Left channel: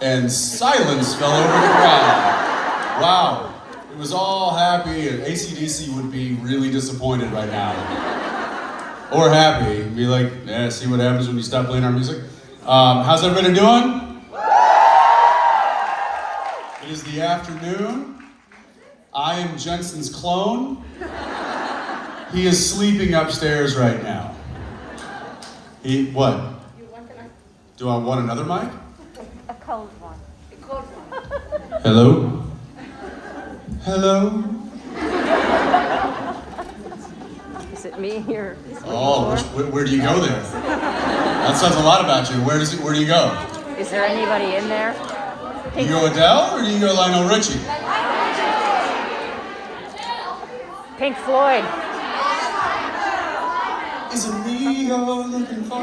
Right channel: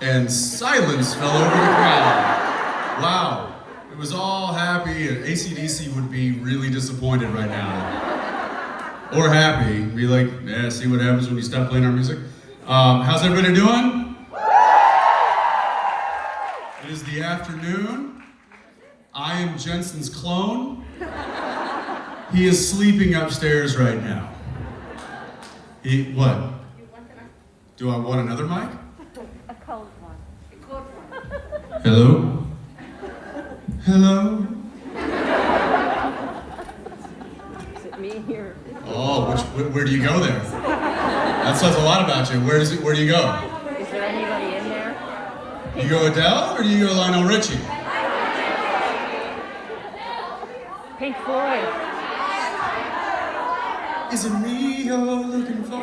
And silence fell over the crowd. Wow. It was all happy, and AC/DC would be really disappointed right now. Or happy, be like, yeah, see what happens when you stop playing our music? How's everybody doing? It is the afternoon. I am Jensen's clone. He is sleeping upstairs right now. What? Do I want another mic? A cold one. A cold one. Hello? Hello? Is it me here? Oh, where do you go there? That says a lot about you. Where do you go? Is there anybody in there? Do you go Adele or do you go Lionel Richie? Pink Floyd. Is it me you're looking for?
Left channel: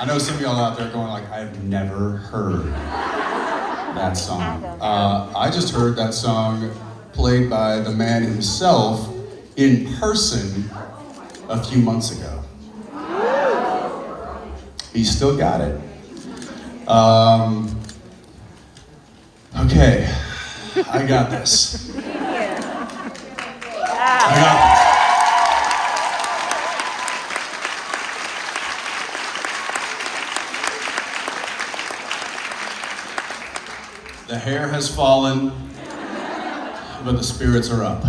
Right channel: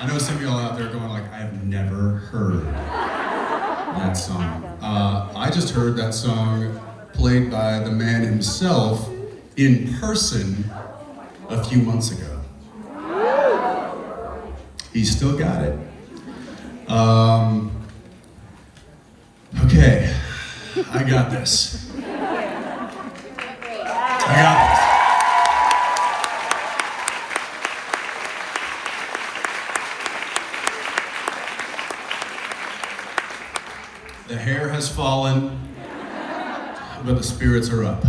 I know some of y'all out there going like, I've never heard that song. I just heard that song played by the man himself in person a few months ago. He still got it. Okay, I got this. I got this. The hair has fallen, but the spirits are up.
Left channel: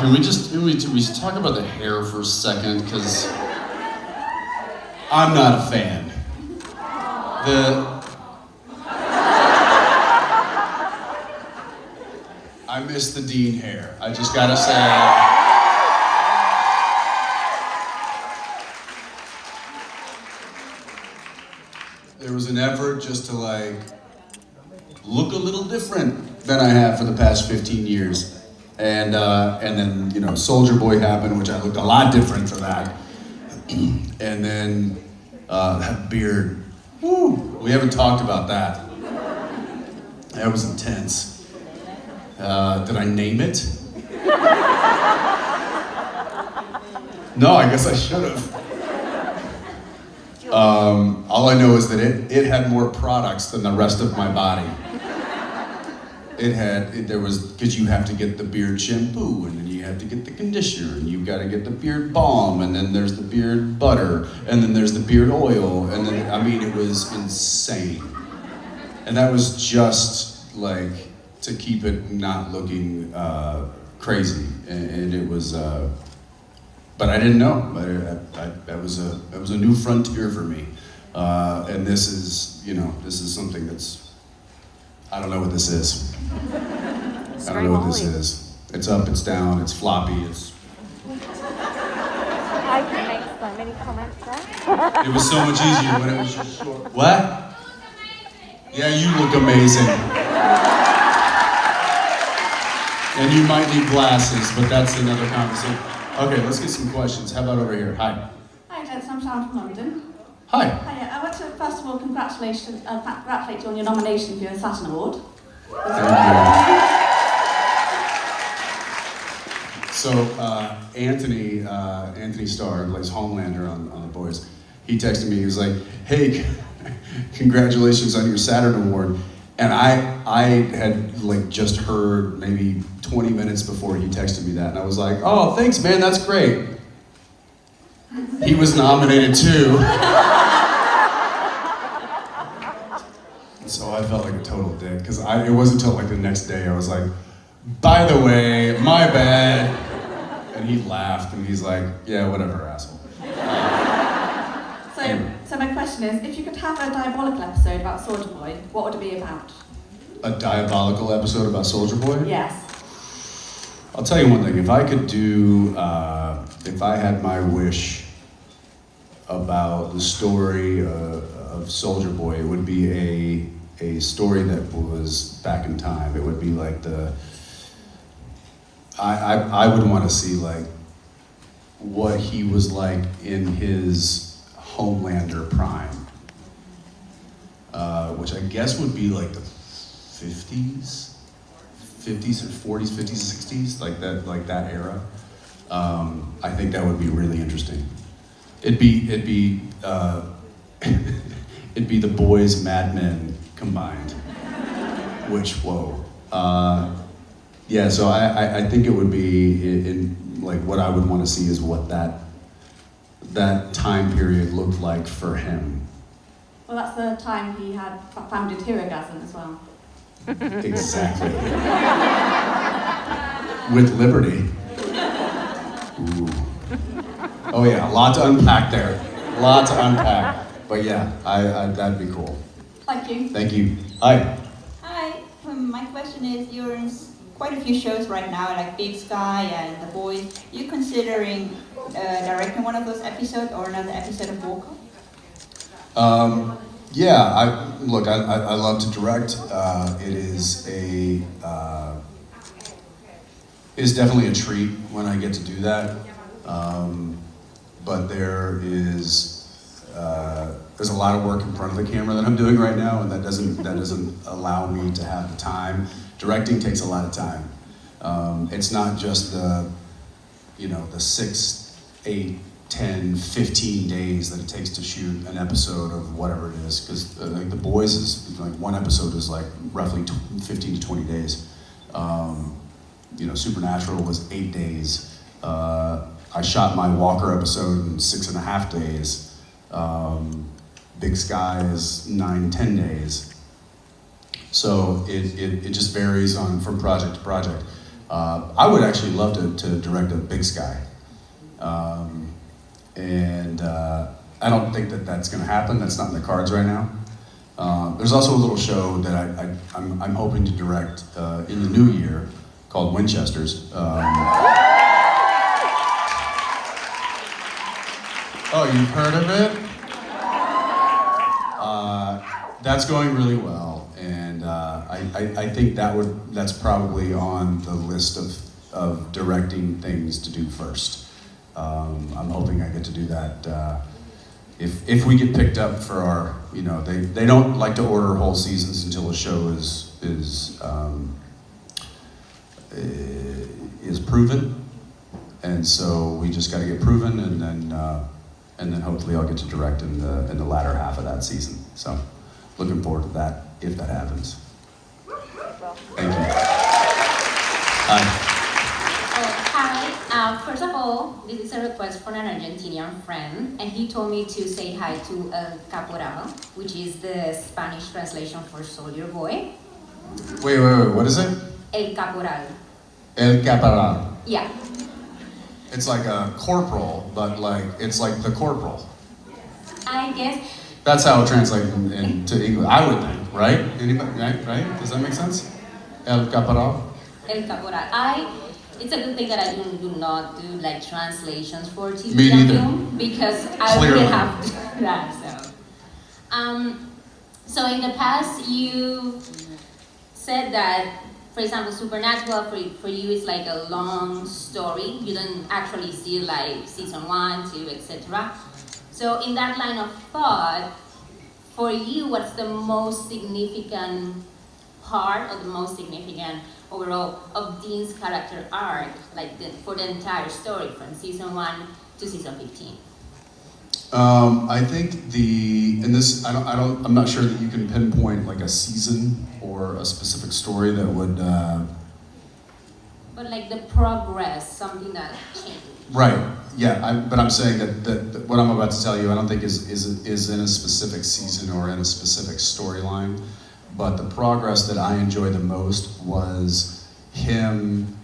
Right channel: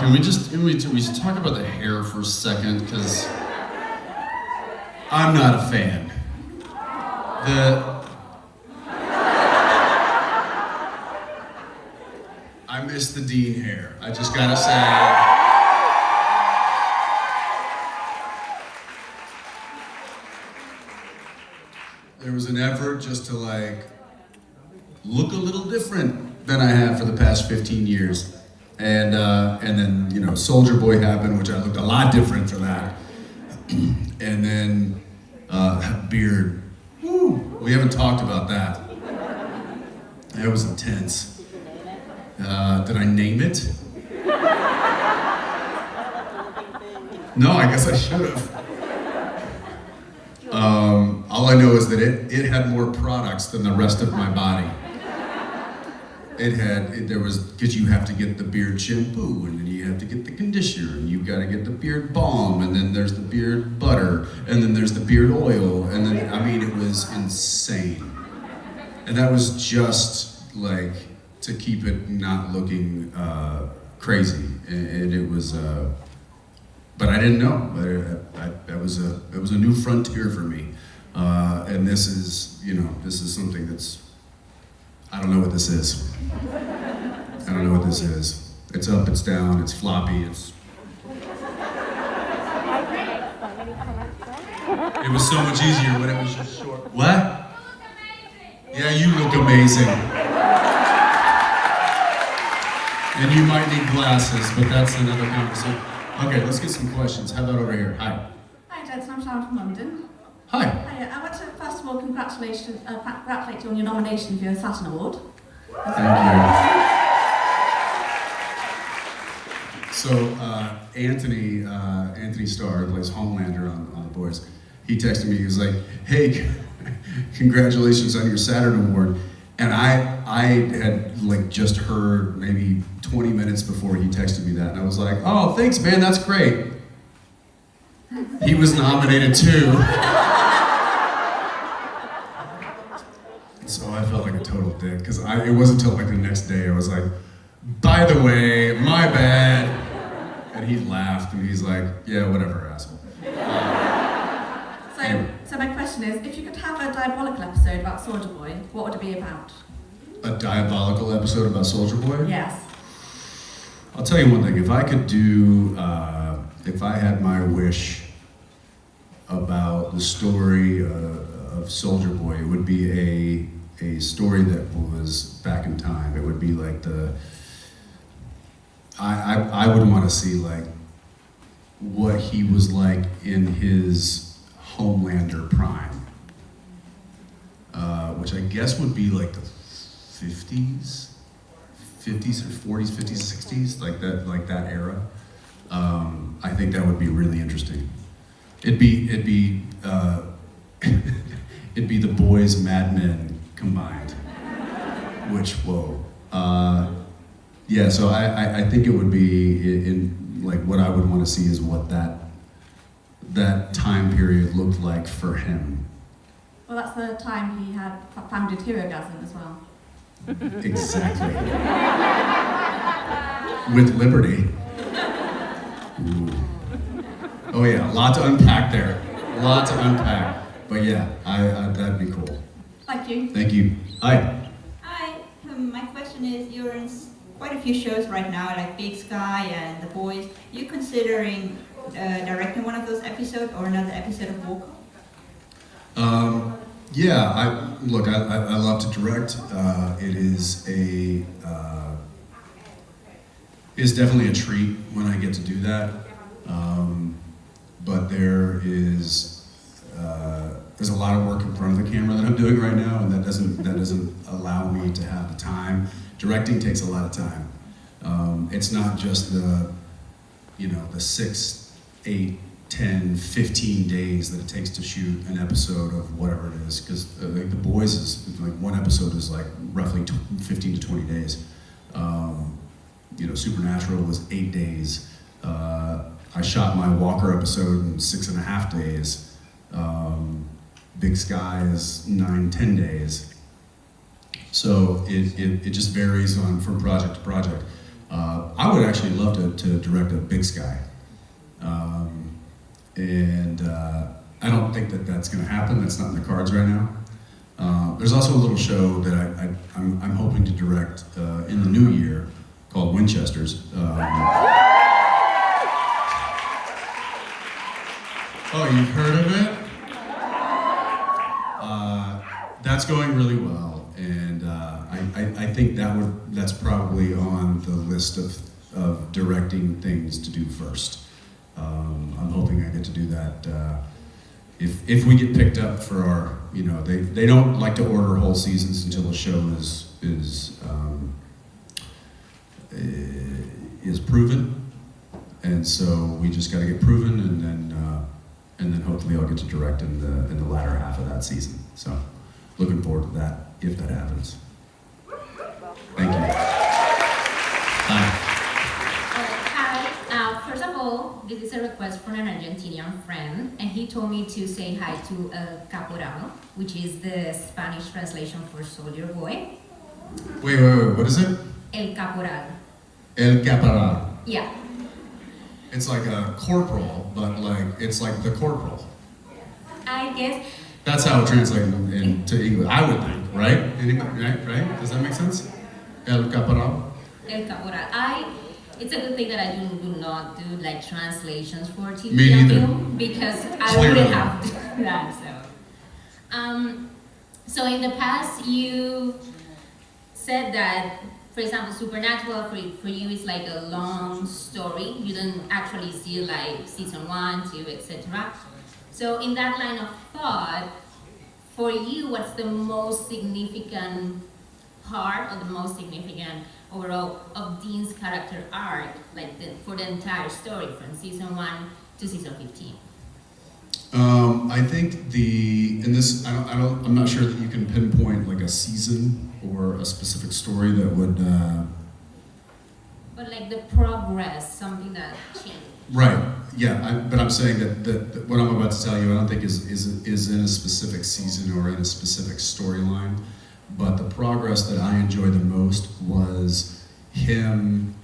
Can we talk about the hair for a second? Because I'm not a fan. I miss the Dean hair. I just gotta say. There was an effort just to like look a little different than I have for the past 15 years. And then, you know, Soldier Boy happened, which I looked a lot different for that. And then that beard, woo, we haven't talked about that. That was intense. Did I name it? No, I guess I should have. All I know is that it had more products than the rest of my body. Because you have to get the beard shampoo, and then you have to get the conditioner, and you've got to get the beard balm, and then there's the beard butter, and then there's the beard oil, and then, I mean, it was insane. And that was just like to keep it not looking crazy, and it was, but I didn't know. That was a new frontier for me, and this is something that's, I don't know what this is. I don't know what this is. It's up, it's down, it's floppy, it's. I can make so many comments there. It was so much easier when it was just short. What? Yeah, you look amazing. And you might need glasses, but that's another conversation. Okay, let's get some questions. How about over here? Hi. Hi, Jensen. I'm Sharon from London. Hi. Hi, I want to first of all congratulate you on your nomination for your Saturn Award. Thank you. So Anthony Starr, who plays Homelander on The Boys, he texted me. He was like, "Hey, congratulations on your Saturn Award." And I had like just heard maybe 20 minutes before he texted me that, and I was like, "Oh, thanks, man. That's great." He was nominated too. So I felt like a total dick, because it wasn't until like the next day I was like, "By the way, my bad." And he laughed and he's like, "Yeah, whatever, asshole." So my question is, if you could have a diabolical episode about Soldier Boy, what would it be about? A diabolical episode about Soldier Boy? Yes. I'll tell you one thing, if I could do, if I had my wish about the story of Soldier Boy, it would be a story that was back in time. It would be like I would want to see like what he was like in his Homelander prime, which I guess would be like the 50s, 50s or 40s, 50s, 60s, like that era. I think that would be really interesting. It'd be it'd be the boys Mad Men combined, which whoa. Yeah, so I think it would be in like what I would want to see is what that time period looked like for him. Well, that's the time he had founded Herogasm as well. Exactly. With Liberty. Ooh. Oh yeah, a lot to unpack there. A lot to unpack. But yeah, that'd be cool. Thank you. Thank you. Hi. Hi, my question is, you're in quite a few shows right now, like Big Sky and The Boys. You considering directing one of those episodes or another episode of Walker? Yeah, I love to direct. It is definitely a treat when I get to do that. But there's a lot of work in front of the camera that I'm doing right now, and that doesn't allow me to have the time. Directing takes a lot of time. It's not just the 6, 8, 10, 15 days that it takes to shoot an episode of whatever it is, because like The Boys is like one episode is like roughly 15 to 20 days. Supernatural was 8 days. I shot my Walker episode in 6.5 days. Big Sky is 9, 10 days. So it just varies from project to project. I would actually love to direct a Big Sky. I don't think that's going to happen. That's not in the cards right now. There's also a little show that I'm hoping to direct in the new year called Winchesters. Oh, you've heard of it? That's going really well, and I think that's probably on the list of directing things to do first. I'm hoping I get to do that if we get picked up for our, they don't like to order whole seasons until a show is proven, and so we just got to get proven, and then hopefully I'll get to direct in the latter half of that season. So looking forward to that if that happens. Thank you. Hi. Hi. First of all, this is a request from an Argentinian friend, and he told me to say hi to El Caporal, which is the Spanish translation for soldier boy. Wait, what is it? El Caporal. El Caporal. Yeah. It's like a corporal, but it's like the corporal. I guess. That's how it translates into English, I would think, right? Anybody, right? Does that make sense? El Caporal? El Caporal. It's a good thing that I do not do like translations for TV Me and neither. film, because I Clearly. wouldn't have to do that. So in the past you said that, for example, Supernatural for you is like a long story. You don't actually see like season 1, 2, etc. So in that line of thought, for you, what's the most significant part or the most significant overall of Dean's character arc, for the entire story from season 1 to season 15? I think I'm not sure that you can pinpoint like a season or a specific story that would. But like the progress, something that changed. Right. Yeah. But I'm saying that what I'm about to tell you, I don't think is in a specific season or in a specific storyline. But the progress that I enjoyed the most was him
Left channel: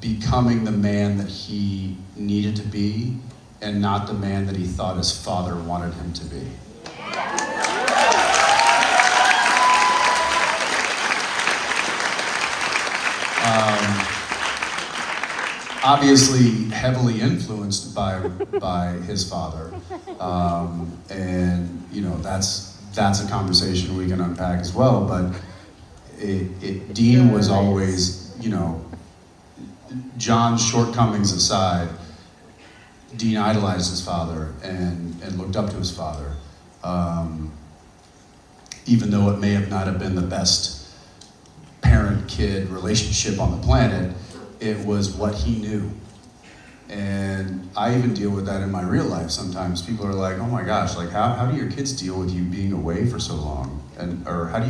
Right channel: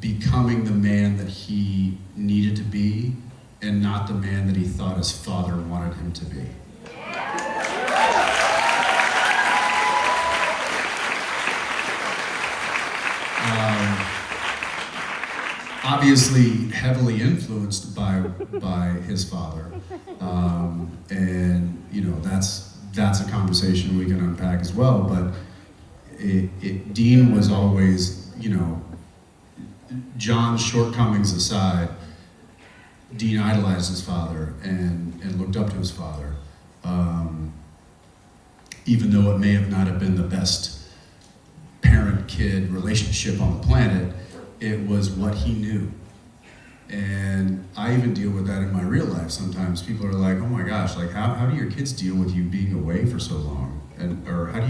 becoming the man that he needed to be, and not the man that he thought his father wanted him to be. Obviously heavily influenced by his father, and that's a conversation we can unpack as well. But Dean was always, John's shortcomings aside, Dean idolized his father and looked up to his father, even though it may have not have been the best parent-kid relationship on the planet. It was what he knew. And I even deal with that in my real life sometimes. People are like, oh my gosh, like how do your kids deal with you being away for so long? Or how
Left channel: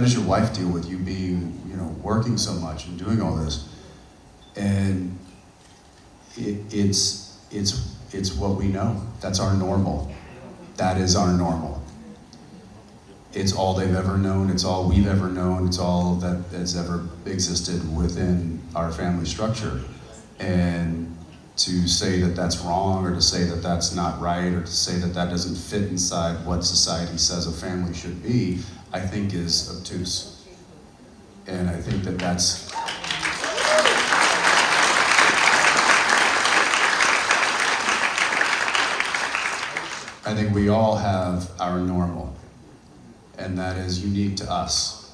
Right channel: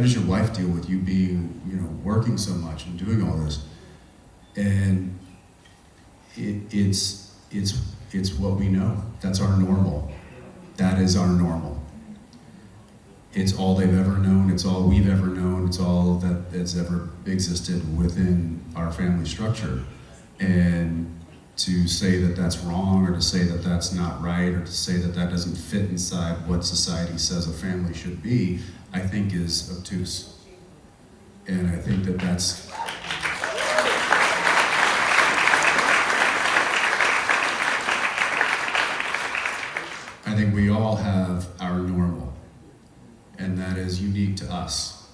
does your wife deal with you being, working so much and doing all this? And it's what we know. That's our normal. That is our normal. It's all they've ever known. It's all we've ever known. It's all that's ever existed within our family structure. And to say that that's wrong, or to say that that's not right, or to say that that doesn't fit inside what society says a family should be, I think is obtuse. And I think that that's... I think we all have our normal, and that is unique to us.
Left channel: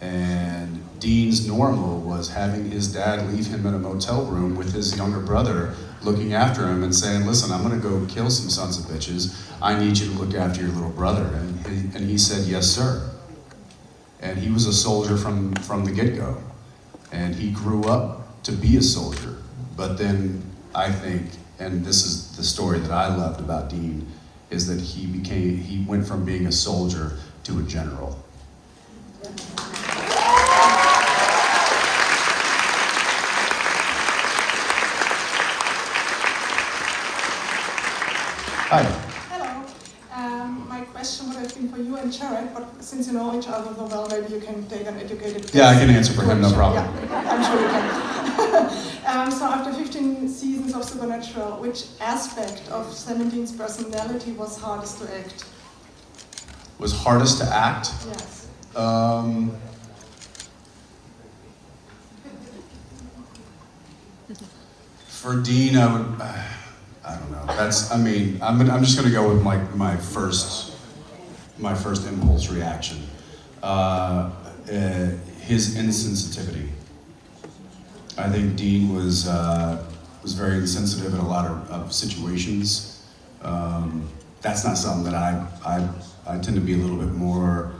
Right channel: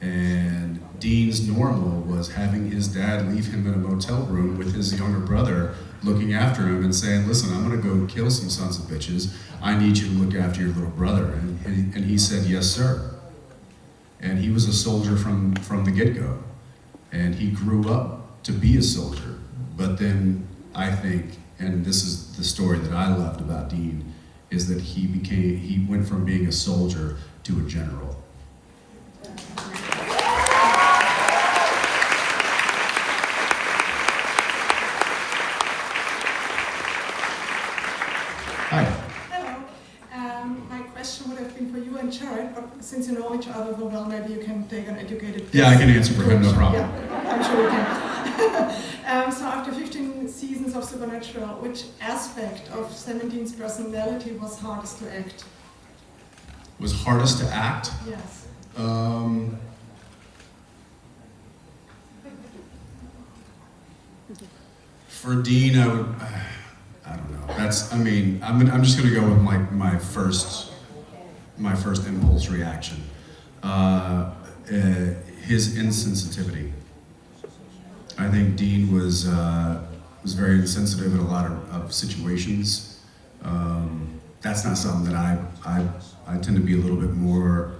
And Dean's normal was having his dad leave him in a motel room with his younger brother looking after him and saying, listen, I'm gonna go kill some sons of bitches. I need you to look after your little brother. And he said, yes, sir. And he was a soldier from the get-go. And he grew up to be a soldier. But then I think, and this is the story that I loved about Dean, is that he went from being a soldier to a general. Hi. Hello. My question would have been for you and Jared, but since you know each other so well, maybe you can take an educated guess. Yeah, I can answer for him, no problem. Yeah, I'm sure you can. So after 15 seasons of Supernatural, which aspect of 17's personality was hardest to act? Was hardest to act? Yes. For Dean, I would, I don't know. I'm just gonna go with my first impulse reaction. His insensitivity. I think Dean was very insensitive in a lot of situations. That's not something that I tend to be a little bit more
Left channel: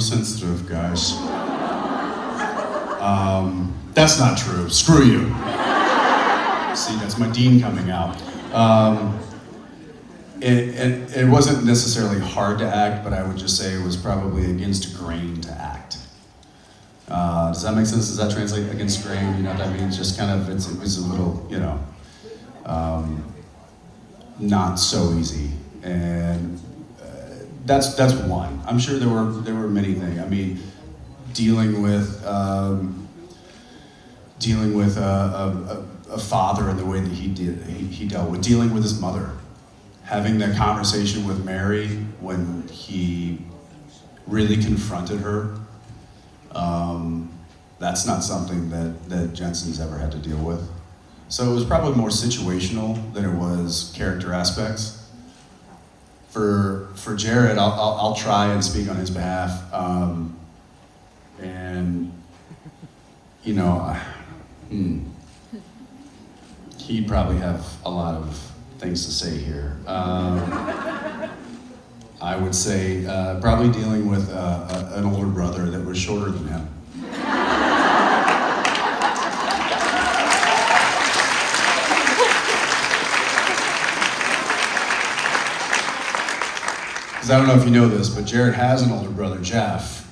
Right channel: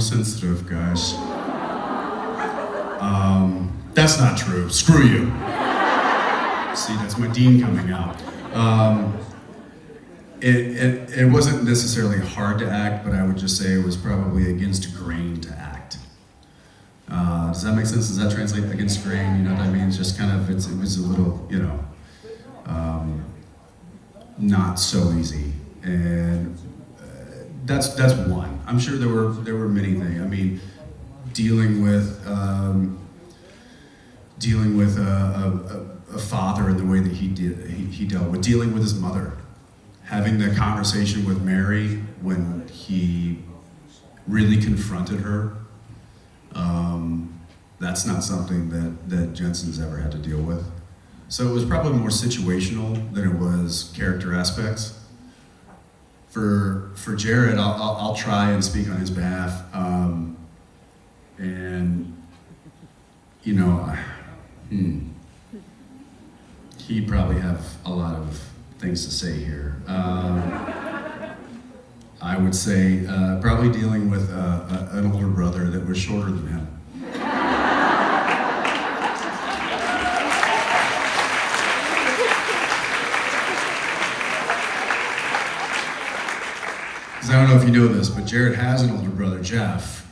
sensitive, guys. That's not true. Screw you. See, that's my Dean coming out. It wasn't necessarily hard to act, but I would just say it was probably against grain to act. Does that make sense? Does that translate against grain? You know what I mean? It's just kind of, it was a little, not so easy. And that's one. I'm sure there were many things. I mean, dealing with a father in the way that he dealt with, dealing with his mother, having that conversation with Mary when he really confronted her. That's not something that Jensen's ever had to deal with. So it was probably more situational than it was character aspects. For Jared, I'll try and speak on his behalf. He'd probably have a lot of things to say here. I would say probably dealing with an older brother that was shorter than him. Because I don't know if you know this, but Jared has an older brother, Jeff,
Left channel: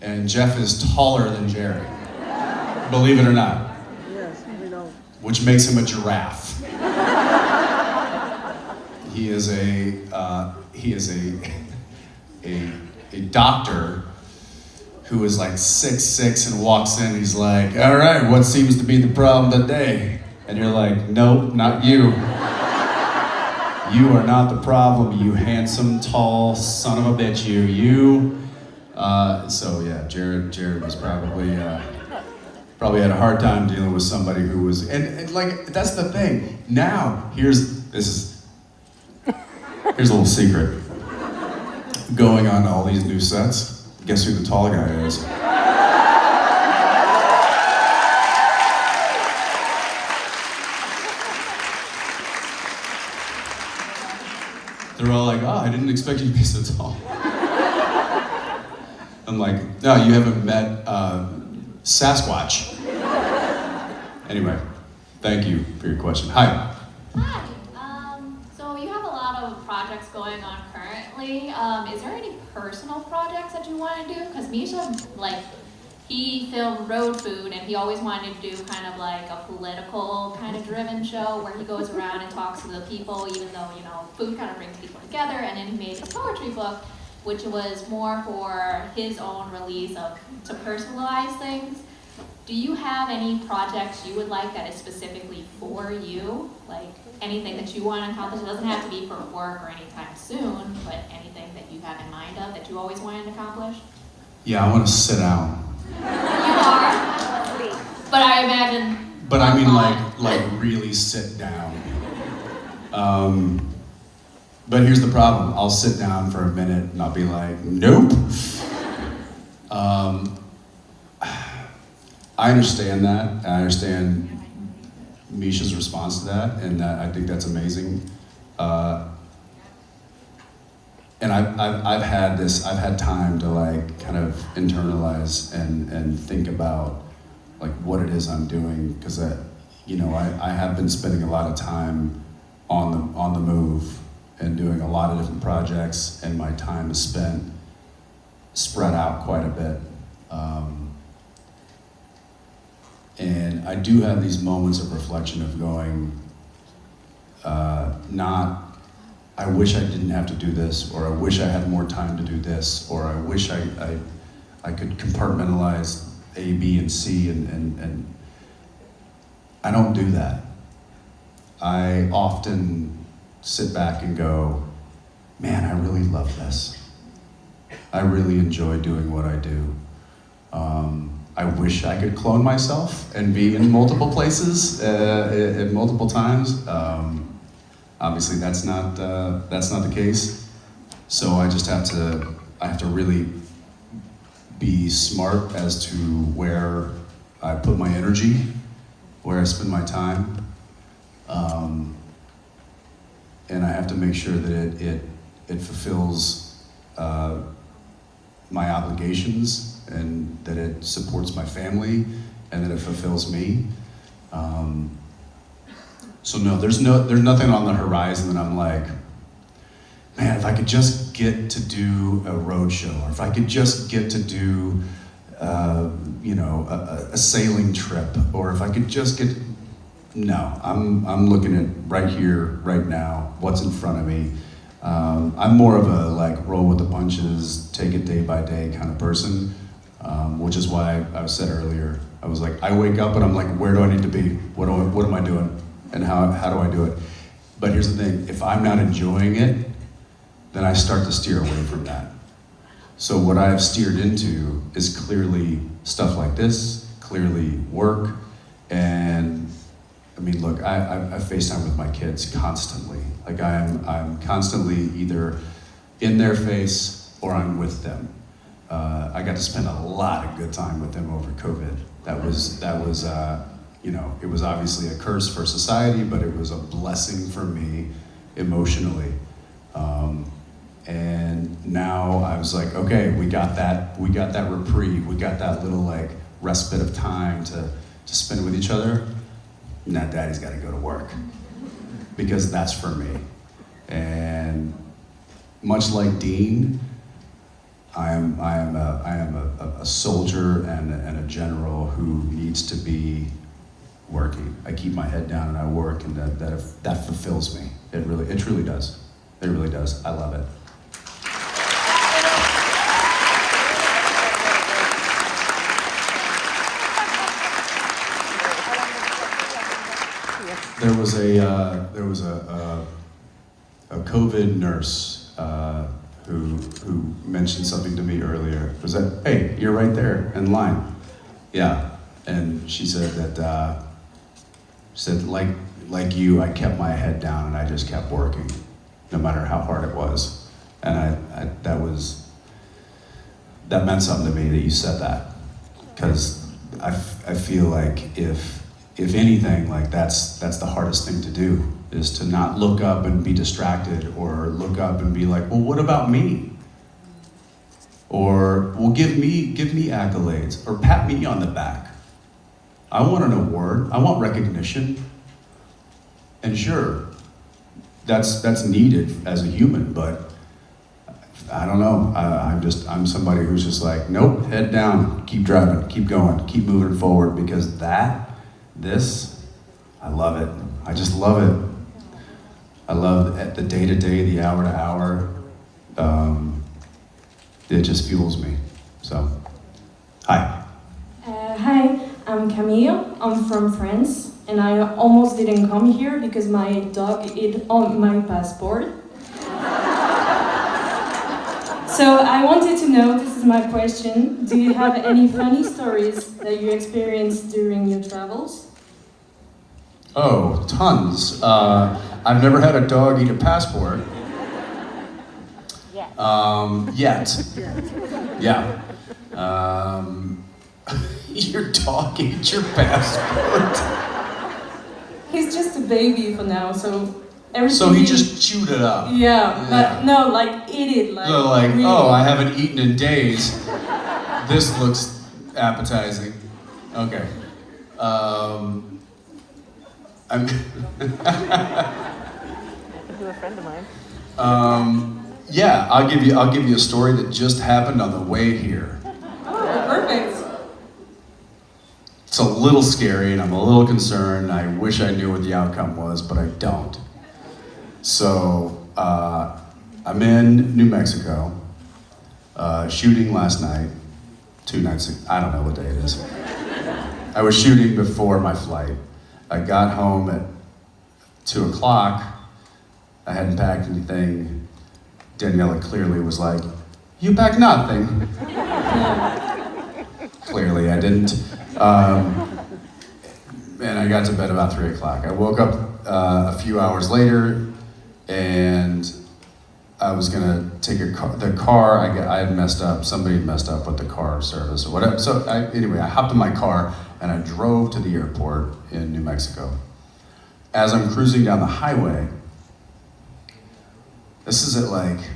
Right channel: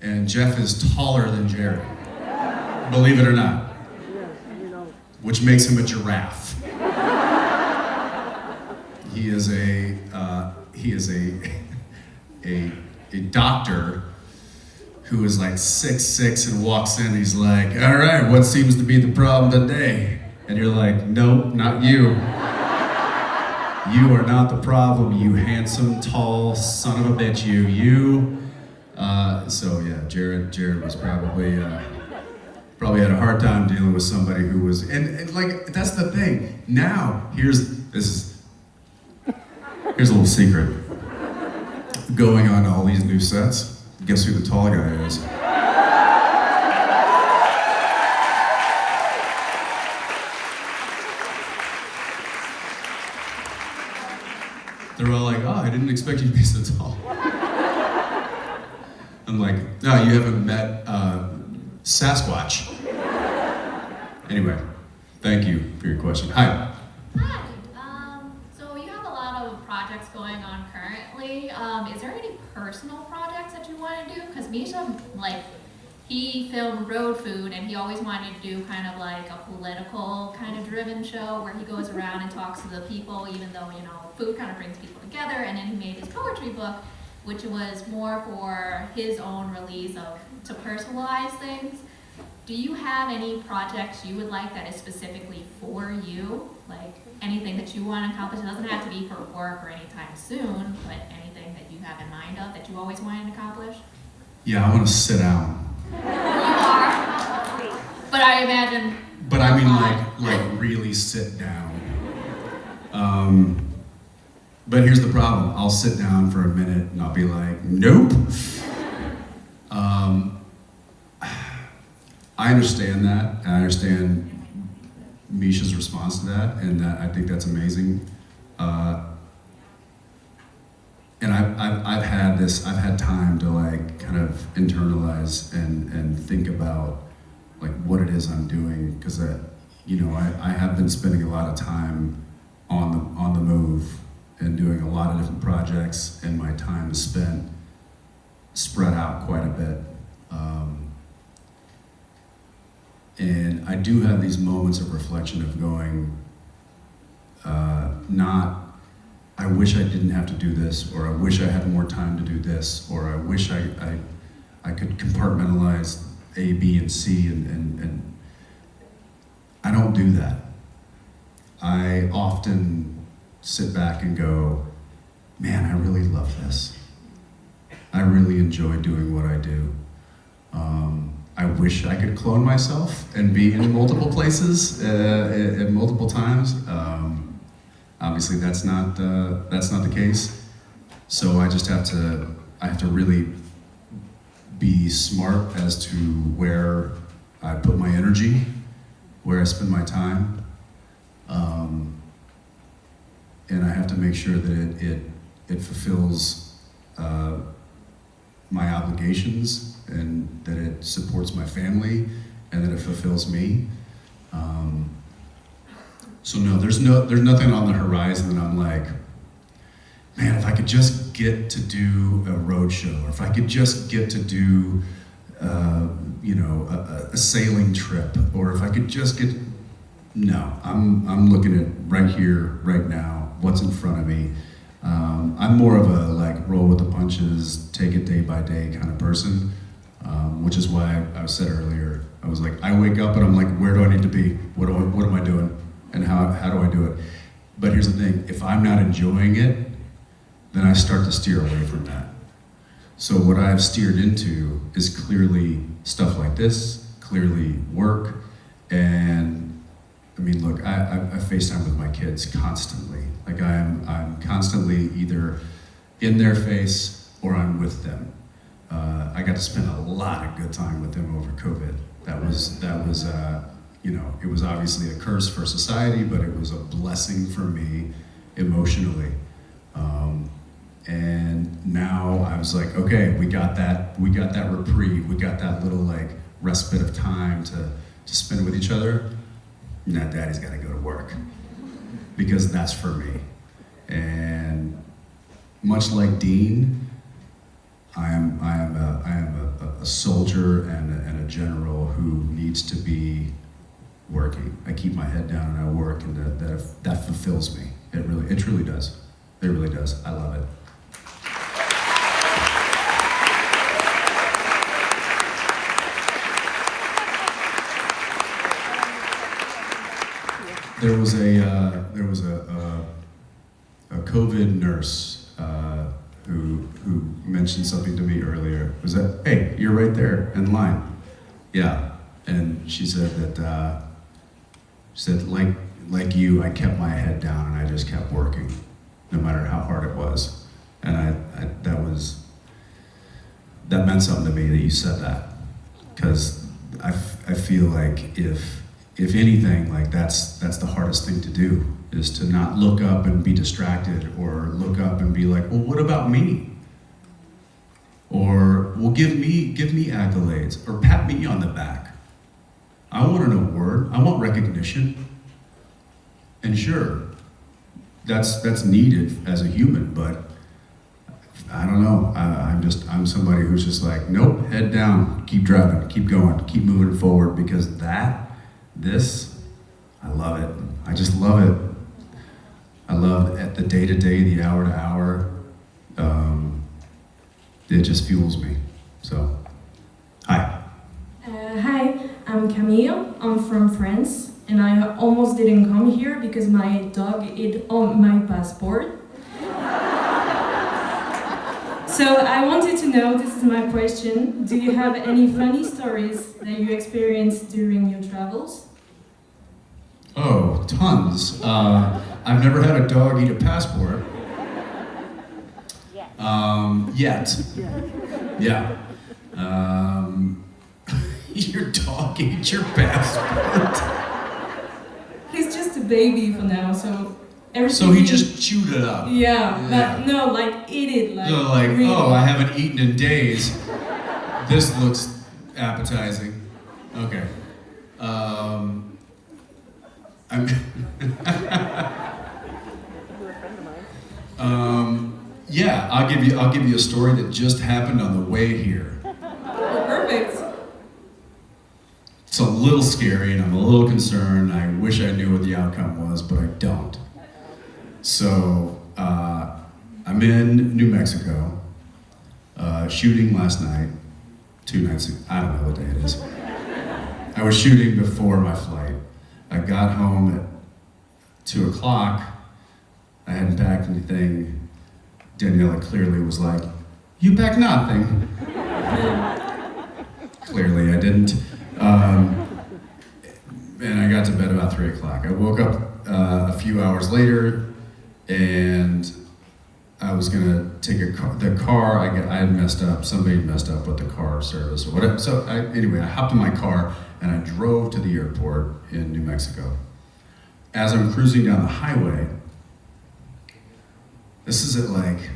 and Jeff is taller than Jared. Believe it or not. Yes, we know. Which makes him a giraffe. He is a doctor who is like 6'6" and walks in and he's like, all right, what seems to be the problem today? And you're like, nope, not you. You are not the problem, you handsome, tall son of a bitch, you. So yeah, Jared was probably had a hard time dealing with somebody who was, and like, that's the thing. Now, here's a little secret. Going on all these new sets, guess who the tall guy is? They're all like, oh, I didn't expect you to be so tall. I'm I'm like, no, you haven't met Sasquatch. Anyway, thank you for your question. Hi. Hi. So you have a lot of projects going on currently. Is there any personal projects that you want to do? Because Misha, like, he filmed Road Food, and he always wanted to do kind of like a political kind of driven show where he goes around and talks to the people, even though, you know, food kind of brings people together. And then he made his poetry book, which was more for his own release of to personalize things. Do you have any projects you would like that is specifically for you? Like anything that you want to accomplish? It doesn't have to be for work or anytime soon, but anything that you have in mind of that you always wanted to accomplish? Yeah, I want to sit down. You are? But I imagine... But I mean like really sit down. But here's the problem. I'll sit down for a minute and I'll be like, nope. I understand that. I understand Misha's response to that, and that I think that's amazing. And I've had time to like kind of internalize and think about like what it is I'm doing, because I have been spending a lot of time on the move and doing a lot of different projects, and my time is spent spread out quite a bit. And I do have these moments of reflection of going, I wish I didn't have to do this, or I wish I had more time to do this, or I wish I could compartmentalize A, B, and C, and I don't do that. I often sit back and go, man, I really love this. I really enjoy doing what I do. I wish I could clone myself and be in multiple places at multiple times. Obviously, that's not the case. So I just have to really be smart as to where I put my energy, where I spend my time, and I have to make sure that it fulfills my obligations, and that it supports my family, and that it fulfills me. So no, there's nothing on the horizon that I'm like, man, if I could just get to do a road show, or if I could just get to do, a sailing trip, or if I could just get. No, I'm looking at right here, right now, what's in front of me. I'm more of a like roll with the punches, take it day by day kind of person, which is why I said earlier, I was like, I wake up and I'm like, where do I need to be? What am I doing? And how do I do it? But here's the thing, if I'm not enjoying it, then I start to steer away from that. So what I've steered into is clearly stuff like this, clearly work, and I mean, look, I FaceTime with my kids constantly. Like I'm constantly either in their face or I'm with them. I got to spend a lot of good time with them over COVID. That was it was obviously a curse for society, but it was a blessing for me emotionally. And now I was like, okay, we got that reprieve, we got that little like respite of time to spend with each other. Now daddy's got to go to work, because that's for me. And much like Dean, I am a soldier and a general who needs to be working. I keep my head down and I work, and that fulfills me. It truly does. It really does. I love it. There was a COVID nurse who mentioned something to me earlier. Was that, hey, you're right there in line. Yeah, and she said that like you, I kept my head down and I just kept working, no matter how hard it was. And that meant something to me that you said that, because I feel like if anything, like that's the hardest thing to do, is to not look up and be distracted, or look up and be like, well, what about me? Or, well, give me accolades, or pat me on the back. I want an award, I want recognition. And sure, that's needed as a human, but I don't know. I'm somebody who's just like, nope, head down, keep driving, keep going, keep moving forward, because this, I love it. I just love it. I love the day to day, the hour to hour. It just fuels me. So, hi. Hi, I'm Camille. I'm from France, and I almost didn't come here because my dog ate on my passport. So I wanted to know, this is my question, do you have any funny stories that you experienced during your travels? Oh, tons. I've never had a dog eat a passport. Yet. Yeah. Your dog ate your passport. He's just a baby for now, so everything... So he just chewed it up. Yeah, but no, like, eat it, like... So like, really. oh, I haven't eaten in days. This looks appetizing. Okay. I'm yeah, I'll give you a story that just happened on the way here. Oh, perfect. It's a little scary and I'm a little concerned. I wish I knew what the outcome was, but I don't. So, I'm in New Mexico, shooting last night, 2 nights, I don't know what day it is. I was shooting before my flight. I got home at 2 o'clock. I hadn't packed anything. Daniela clearly was like, "You packed nothing." Clearly I didn't. And I got to bed about 3 o'clock. I woke up a few hours later, and I was gonna take the car. I had messed up. Somebody messed up with the car service or whatever. So anyway, I hopped in my car and I drove to the airport in New Mexico. As I'm cruising down the highway, this is at like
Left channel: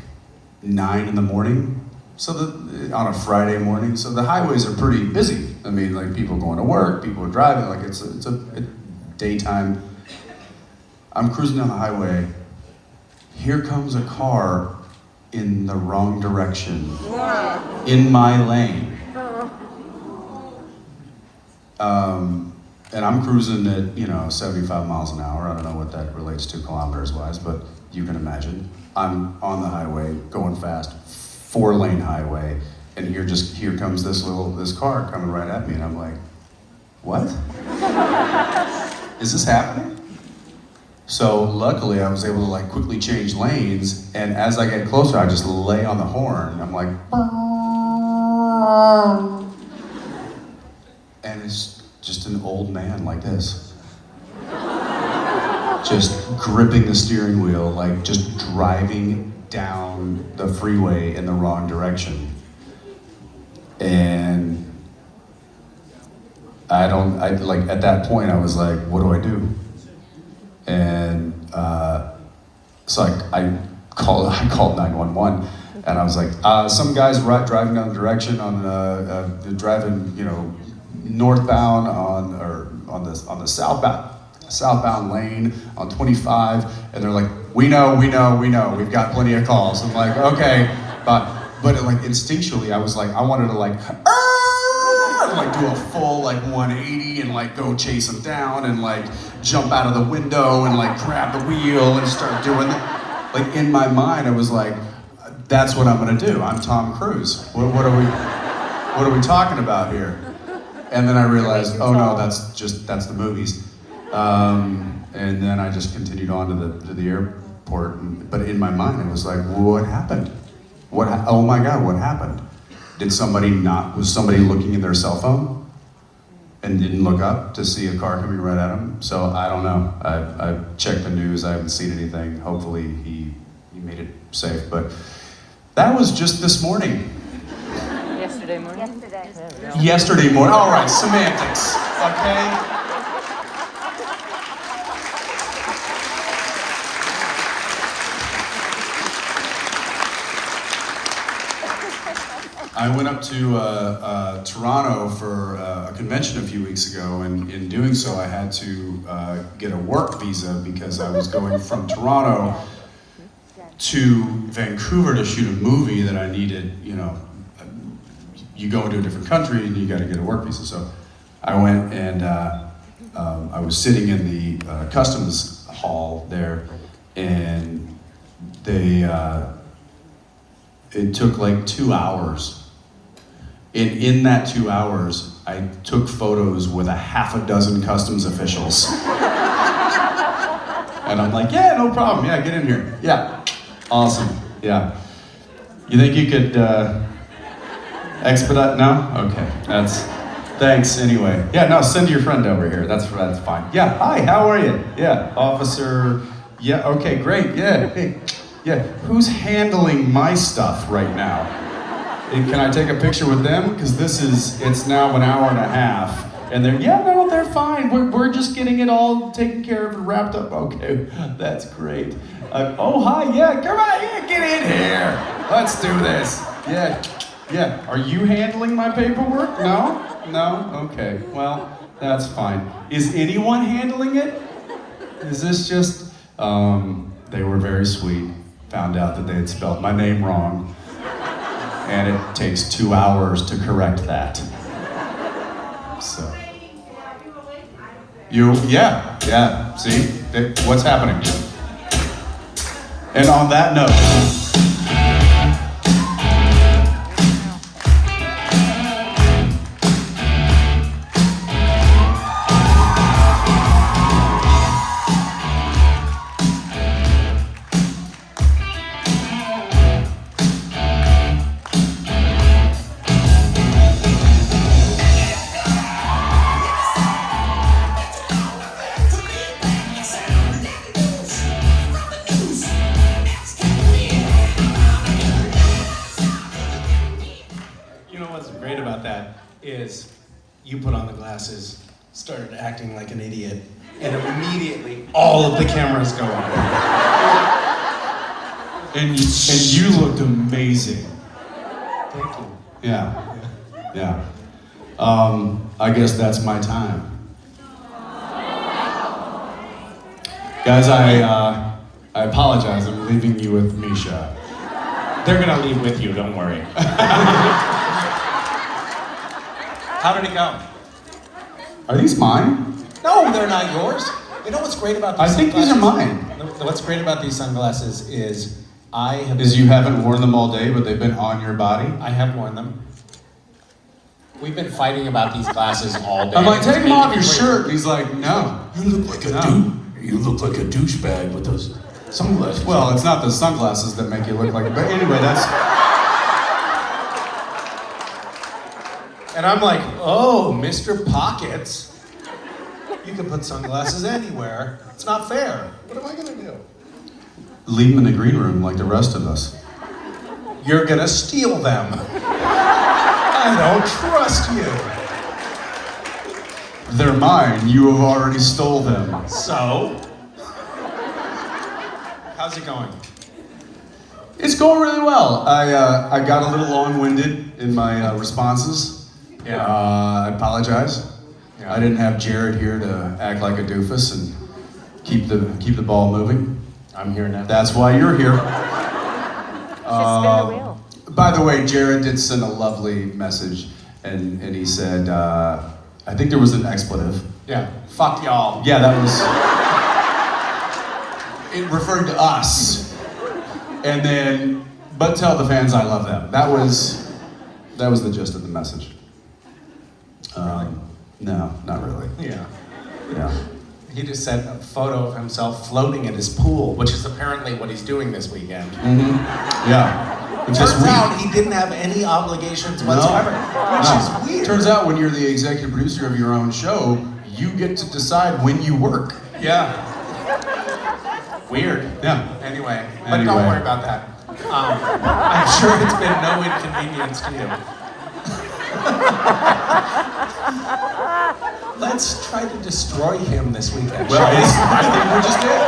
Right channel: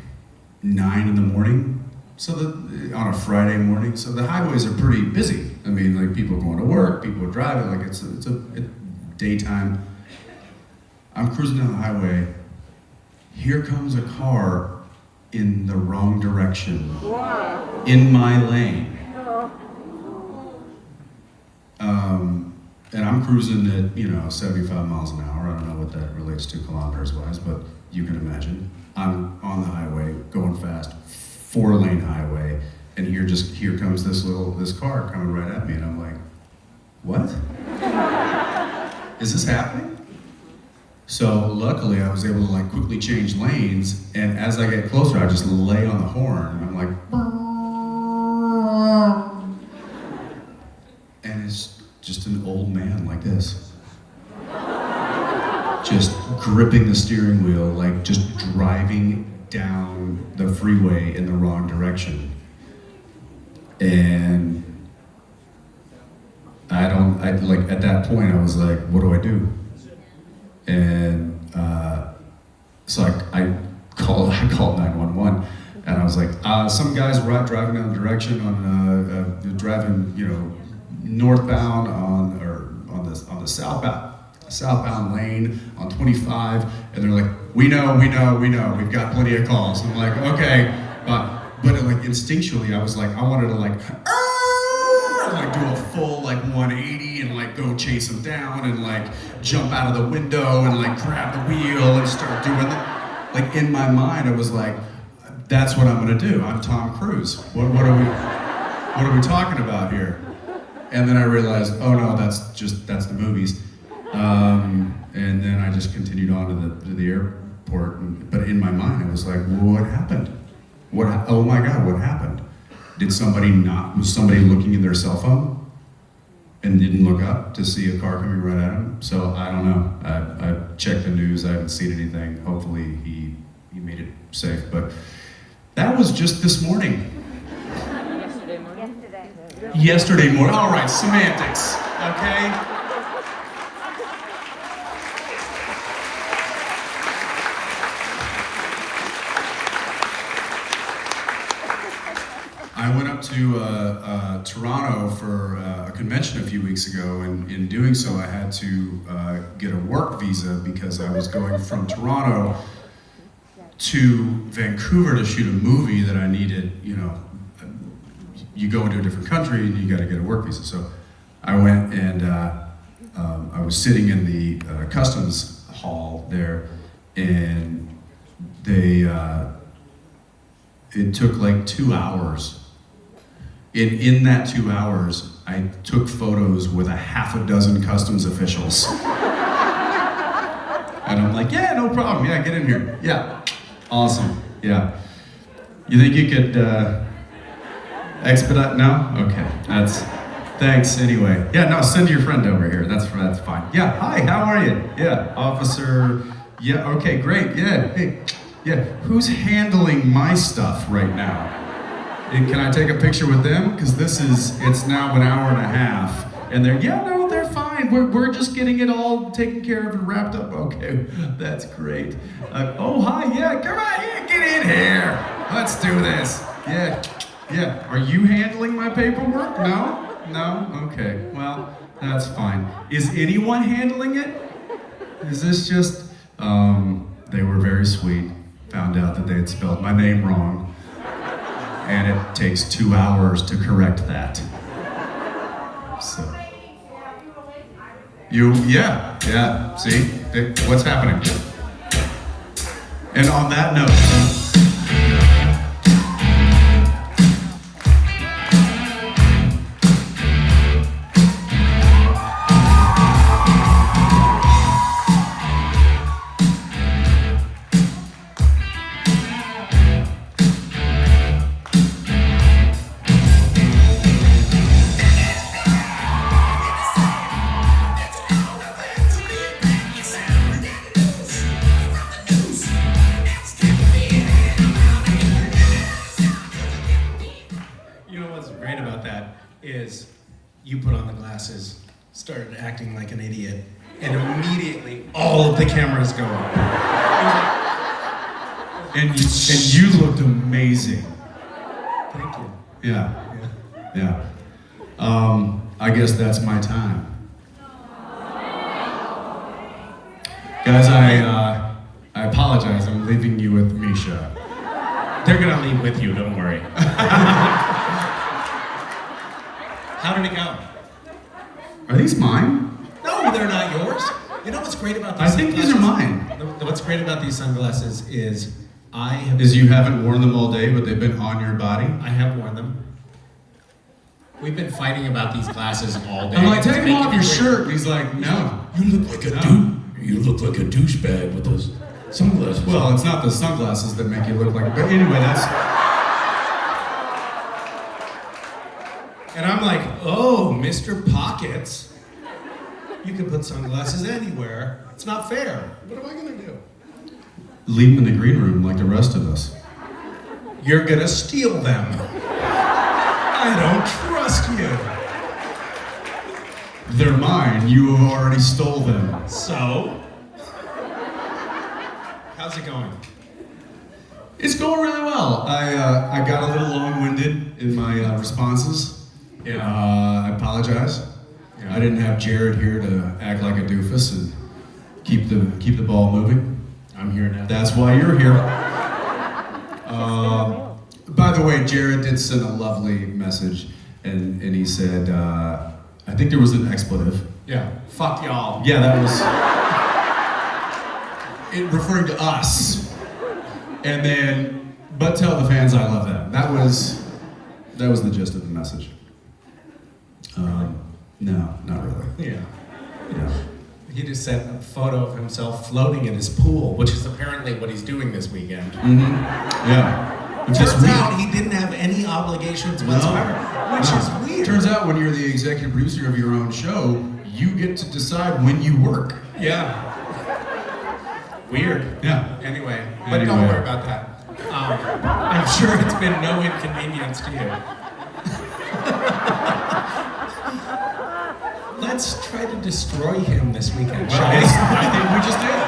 9 in the morning. So on a Friday morning, so the highways are pretty busy. I mean, like people going to work, people are driving, like it's a daytime. I'm cruising down the highway. Here comes a car in the wrong direction, in my lane. And I'm cruising at 75 miles an hour. I don't know what that relates to kilometers wise, but you can imagine. I'm on the highway, going fast, 4-lane highway, and here comes this car coming right at me, and I'm like, what? Is this happening? So luckily I was able to like quickly change lanes, and as I get closer, I just lay on the horn. I'm like, and it's just an old man like this. Just gripping the steering wheel, like just driving down the freeway in the wrong direction. And at that point I was like, what do I do? And so I called 911, and I was like, some guy's driving down the direction on driving, northbound on the southbound lane on 25, and they're like, we know, we've got plenty of calls. I'm like, okay, but like instinctually, I was like, I wanted to like do a full like 180 and like go chase him down and like jump out of the window and like grab the wheel and start doing it. Like in my mind, I was like, that's what I'm gonna do. I'm Tom Cruise. What are we talking about here? And then I realized, oh no, that's the movies. And then I just continued on to the airport. But in my mind, it was like, what happened? Oh my God, what happened? Was somebody looking at their cell phone and didn't look up to see a car coming right at them? So I don't know. I've checked the news. I haven't seen anything. Hopefully he made it safe. But that was just this morning. Yesterday morning. All right, semantics. Okay. I went up to Toronto for a convention a few weeks ago, and in doing so, I had to get a work visa because I was going from Toronto to Vancouver to shoot a movie that I needed. You know, you go into a different country and you got to get a work visa. So I went and I was sitting in the customs hall there, and they it took like 2 hours. And in that 2 hours, I took photos with a half a dozen customs officials. And I'm like, yeah, no problem. Yeah, get in here. Yeah, awesome. Yeah. You think you could expedite? No? Okay, thanks anyway. Yeah, no, send your friend over here. That's fine. Yeah, hi, how are you? Yeah, officer. Yeah, okay, great. Yeah, hey, yeah. Who's handling my stuff right now? Can I take a picture with them? Because it's now an hour and a half. And they're fine. We're just getting it all taken care of and wrapped up. Okay, that's great. Oh, hi, yeah, come on, yeah, get in here. Let's do this. Yeah. Are you handling my paperwork? No? Okay, well, that's fine. Is anyone handling it? Is this just, they were very sweet. Found out that they had spelled my name wrong. And it takes 2 hours to correct that. So. Yeah, see? What's happening? And on that note, is you put on the glasses, started acting like an idiot, and immediately all of the cameras go up. and you looked amazing. Thank you. Yeah. I guess that's my time. Guys, I apologize. I'm leaving you with Misha. They're gonna leave with you, don't worry. How did it go? Are these mine? No, they're not yours. You know what's great about I these think sunglasses? these are mine. What's great about these sunglasses is You haven't worn them all day, but they've been on your body? I have worn them. We've been fighting about these glasses all day. I'm like, take them off your shirt. And he's like, no. You look like a douchebag with those sunglasses. Well, it's not the sunglasses that make you look like it. But anyway, that's... And I'm like, oh, Mr. Pockets. You can put sunglasses anywhere. It's not fair. What am I gonna do? Leave them in the green room like the rest of us. You're gonna steal them. I don't trust you. They're mine. You have already stole them. So? How's it going? It's going really well. I got a little long-winded in my responses. Yeah. I apologize. Yeah. I didn't have Jared here to act like a doofus and keep the ball moving. I'm here now. That's why you're here. By the way, Jared did send a lovely message, and he said, I think there was an expletive. Yeah. Fuck y'all. Yeah, that was it referring to us. And then, but tell the fans I love them. That was the gist of the message. No, not really. Yeah. Yeah. He just sent a photo of himself floating in his pool, which is apparently what he's doing this weekend. Mm-hmm. Yeah. Turns out he didn't have any obligations whatsoever, which is weird. Turns out when you're the executive producer of your own show, you get to decide when you work. Yeah. Weird. Yeah. Anyway, but don't worry about that. I'm sure it's been no inconvenience to you. Let's try to destroy him this weekend. Well, shall we? I think we just did.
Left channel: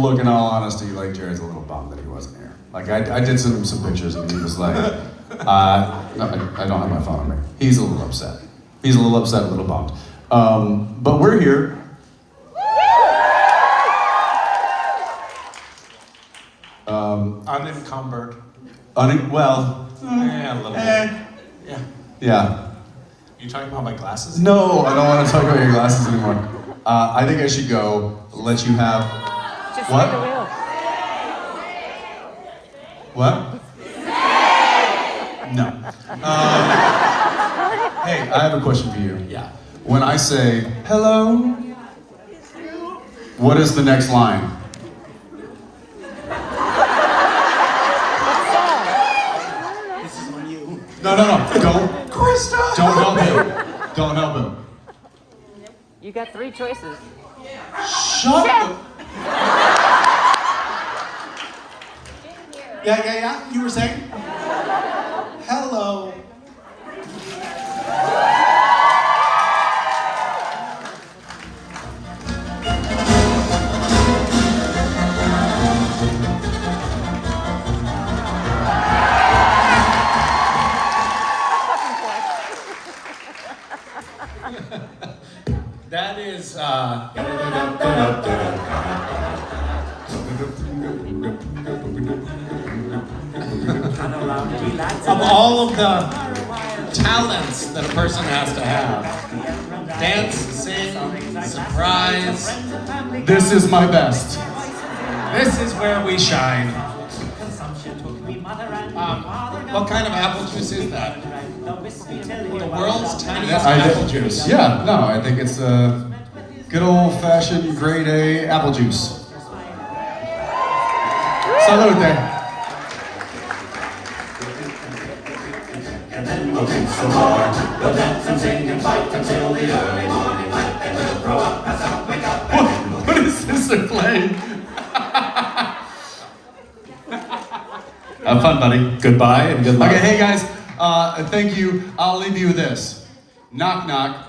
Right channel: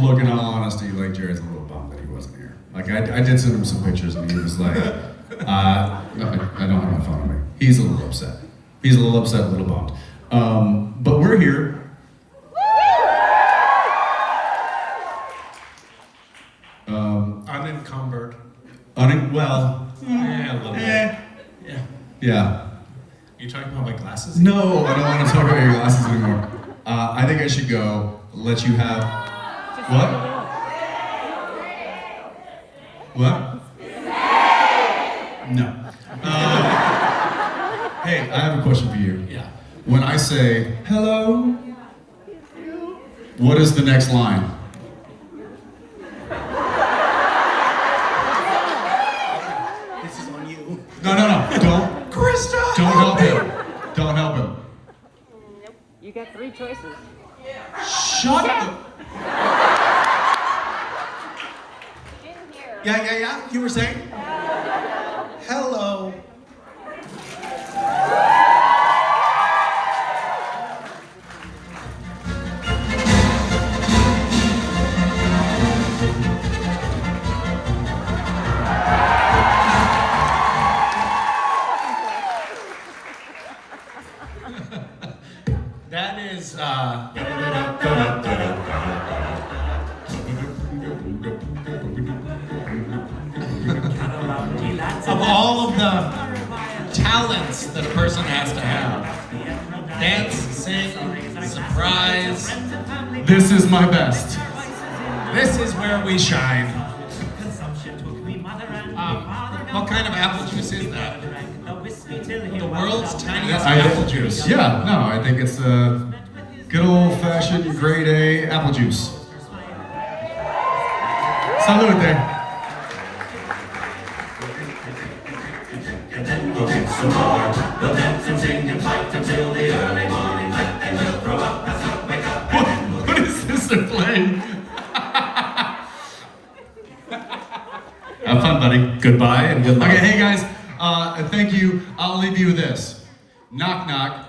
look, in all honesty, like Jared's a little bummed that he wasn't here. Like I did send him some pictures and he was like, no, I don't have my phone on me. He's a little upset. He's a little upset, a little bummed. But we're here. Unencumbered. Well, Yeah, a little bit. yeah. You talking about my glasses? No, I don't want to talk about your glasses anymore. I think I should go. Let you have. What? What? No. Hey, I have a question for you. Yeah. When I say hello, what is the next line? This is on you. No, don't. Krista! Don't help him. Don't help him. You got 3 choices. Shut up. Yeah. You were saying? Hello. That is, of all of the talents that a person has to have, dance, sing, surprise, This is my best. this is where we shine. What kind of apple juice is that? The world's tiniest apple juice. Yeah, no, I think it's a good old-fashioned grade A apple juice. Salute. What is this they're playing? Have fun, buddy. Goodbye and good luck. Okay, hey guys, thank you. I'll leave you with this. Knock, knock.